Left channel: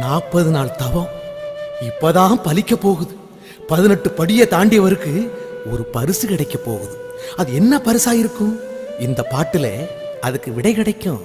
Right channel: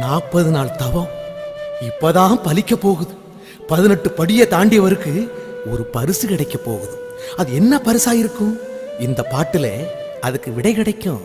40 நாள் தவம் இப்பதான் பலிக்க போகுது. 18 படியை தாண்டியவருக்கு ஒரு பரிசு கிடைக்க போகுது. அது என்ன பரிசா இருக்கும்? இந்த பாட்டுல அதுக்கு விடை கிடைக்கும்.